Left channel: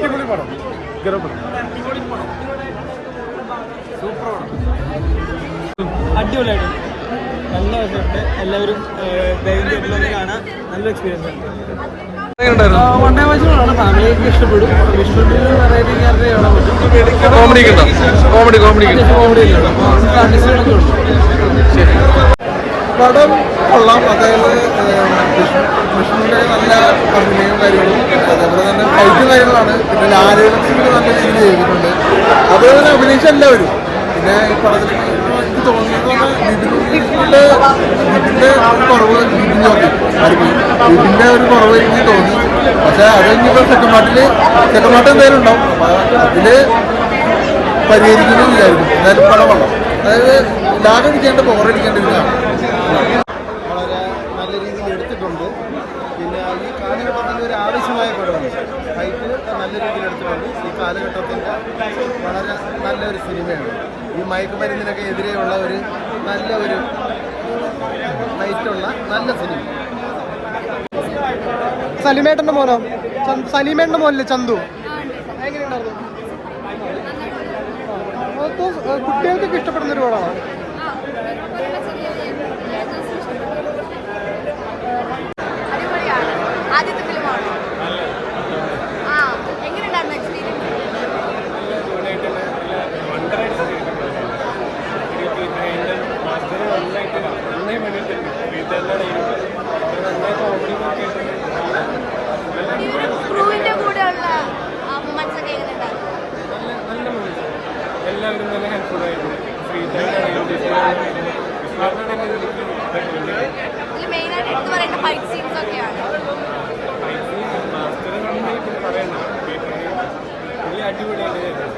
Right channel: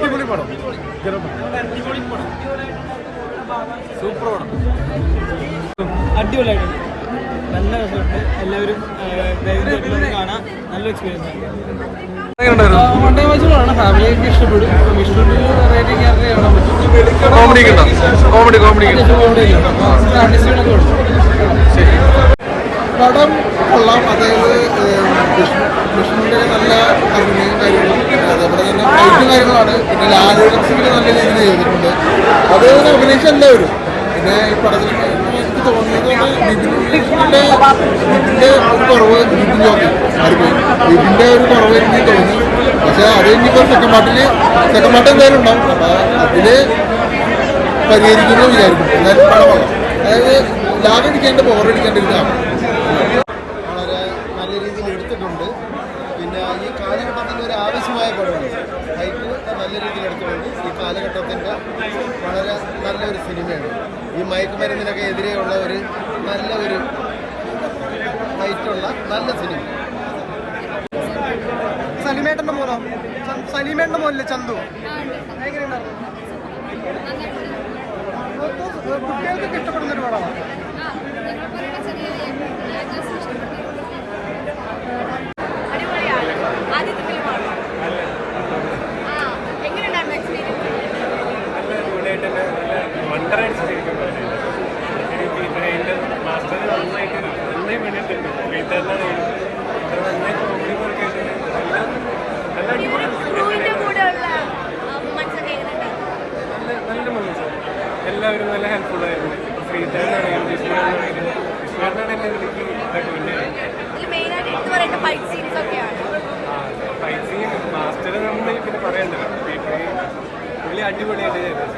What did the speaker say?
അടിപൊളി പടം, സൂപ്പർ പടം, അടിപൊളിയായിട്ട് നല്ല രസമുണ്ട്. എല്ലാവരും തിയേറ്ററിലൊന്ന് കാണാൻ നല്ലൊരു എക്സ്പീരിയൻസ് ആണ്. വൺ ഡേ വാച്ചാണ്, ഫാമിലിയൊക്കെ ഇഷ്ടപ്പെടും. വിഷ്ണുവിൽ വെറൈറ്റി ക്യാരക്ടർ കാണാൻ പറ്റും. കോമഡി ഒക്കെ ആർട്ടിസ്റ്റുകളൊക്കെ ഉണ്ട്. പടം കൊള്ളാം. അതായത് വിഷ്ണുവിൻ്റെ നല്ല അഭിനയവും കാര്യങ്ങളും, അതേപോലെ തന്നെ ഫൈറ്റും കാര്യങ്ങളാണ്. പിന്നെ ലാലക്ഷത്തിൽ നല്ല രീതിയിൽ ചെയ്തിട്ടുണ്ട്. അതുപോലെ തന്നെ അഭിനയിച്ച എല്ലാവരും. പിന്നെ ഈ പടത്തിൽ എനിക്ക് തോന്നിയത് ബിബിൻ്റെ ഒരു കുറവ്, ബിബിൻ്റെ ഒരു കുറവ് എനിക്ക് തോന്നി. പക്ഷെ അത് ഇനിയിപ്പോൾ സെക്കൻഡ് പാർട്ട് എന്തായാലും ഉണ്ടാവും. അപ്പോൾ അതിൽ പരിഹരിക്കുന്നു വിചാരിക്കും. എന്തായാലും പടം കൊള്ളാം. അതായത് ലാഭടിക്കാണ്ട് ബോറടിക്കാണ്ടിരുന്നതാണ്. വളരെ നല്ല രീതിയിൽ എടുത്തിട്ടുണ്ട്. പിന്നെ ഈ കാലഘട്ടത്തിൻ്റെ ഒരു ആവശ്യമായ പടമാണ്. ഫൈറ്റ് നല്ല രീതിയിൽ എടുത്തിട്ടുണ്ട്. ഈ കാലഘട്ടത്തിൻ്റെ വളരെ നല്ലൊരു സിനിമയാണ്. ഈ മയക്കുമരുന്നിനൊക്കെ എതിരെയുള്ള ഒരു ഫൈറ്റുള്ള നല്ല സിനിമ. സലീമേട്ടൻ്റെ മോനല്ലേ ചന്തു? എങ്ങനെയുണ്ട്? കുട്ടികൾക്കൊക്കെ ഇഷ്ടപ്പെടുന്നൊരു പടമാണ്. അടിപൊളിയാണ്. ആദ്യത്തെ ഫിലിമാണോ? എങ്ങനെയുണ്ടായിരുന്നു എക്സ്പീരിയൻസ്? ക്രൂവിന്റെ കൂടെയുള്ള മൊമെന്റ്സ് ഒക്കെ എങ്ങനെയുണ്ടായിരുന്നു? നല്ല മൊമെന്റ്സ്, എല്ലാവരും നല്ല ഹെൽപ്ഫുൾ ആയിരുന്നു. ശ്രീധരനാണെങ്കിലും വിഷ്ണുവിനാണെങ്കിലും എനിക്ക് റെക്കമെൻഡ് ചെയ്യും. ഇതിൽ മെയിനായിട്ട് എടുത്തു പറയേണ്ട ഫൈറ്റ് സീൻസ് ഒക്കെയാണ്. ഫൈറ്റ് സീൻ മാസ്റ്റർ നന്നായി പിന്നെ പറയണ്ടല്ലോ. പുള്ളി അടിപൊളിയായിട്ട് ചെയ്തത്.